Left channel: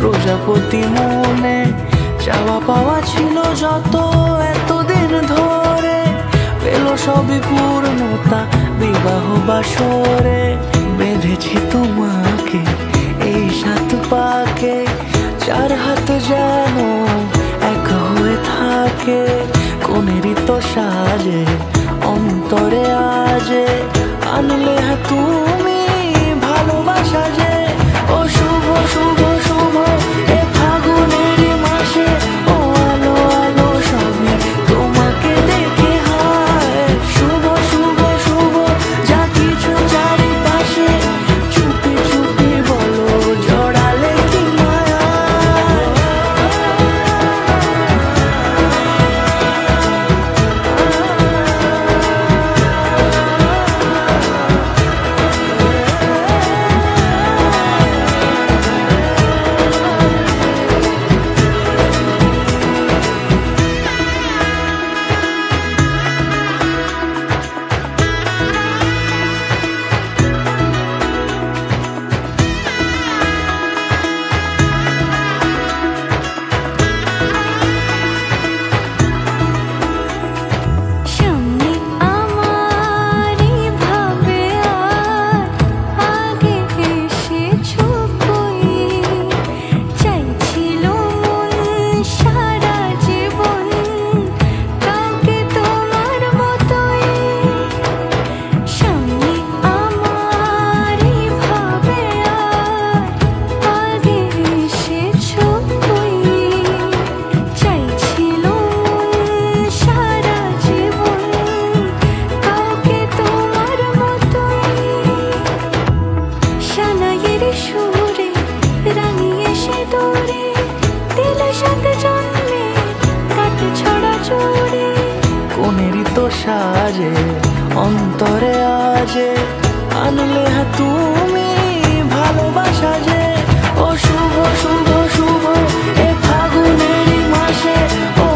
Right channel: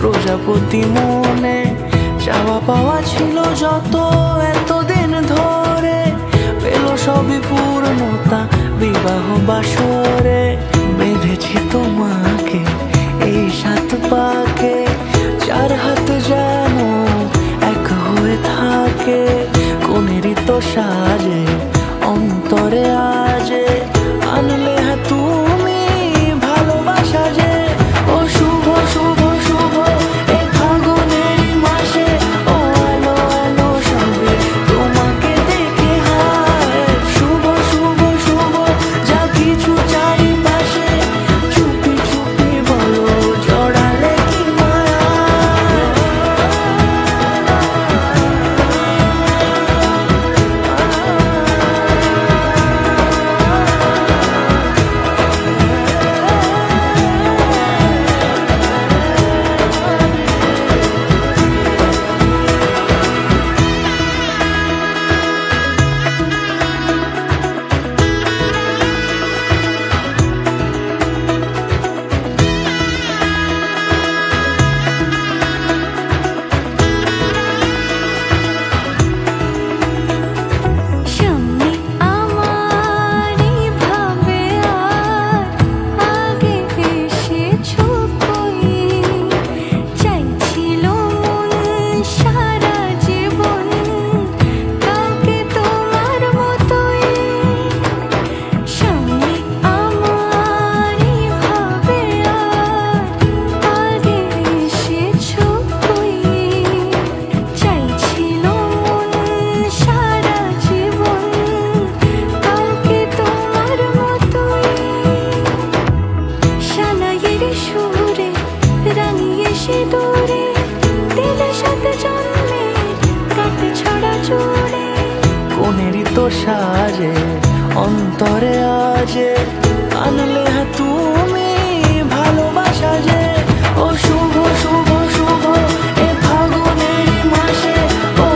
প্রজাপতি মনে চাওয়া পাওয়া ছিল যত এতদিন ধরে, পেল সবই পূর্ণতা বিবাহ বাসরে। বেঁধেছি তোমাকে এই 7 পাকে, 4 হাত যেন এক হয়ে থাকে। কোনেরই তো সাজে অন্তরে আজে আনলে হ্যাঁ তুমি ভালোবাসা যে। ও শুভ শুভ শুভ এ ফাগুনেরই মাসে, ও আলো আলো সবই তোমাকে দেখে হায়। শুভ শুভ শুভ যা কিছু চারিপাশে, চুপি চুপি বলো জড়ালে কি মায়া। সুরে রাঙিয়ে সে দূরে দিলে 7 জন্মের কাট ছড়া জোড়ে। কোনেরই তো সাজে অন্তরে আজে আনলে হ্যাঁ তুমি ভালোবাসা যে। ও শুভ শুভ শুভ এ ফাগুনেরই মাসে, ও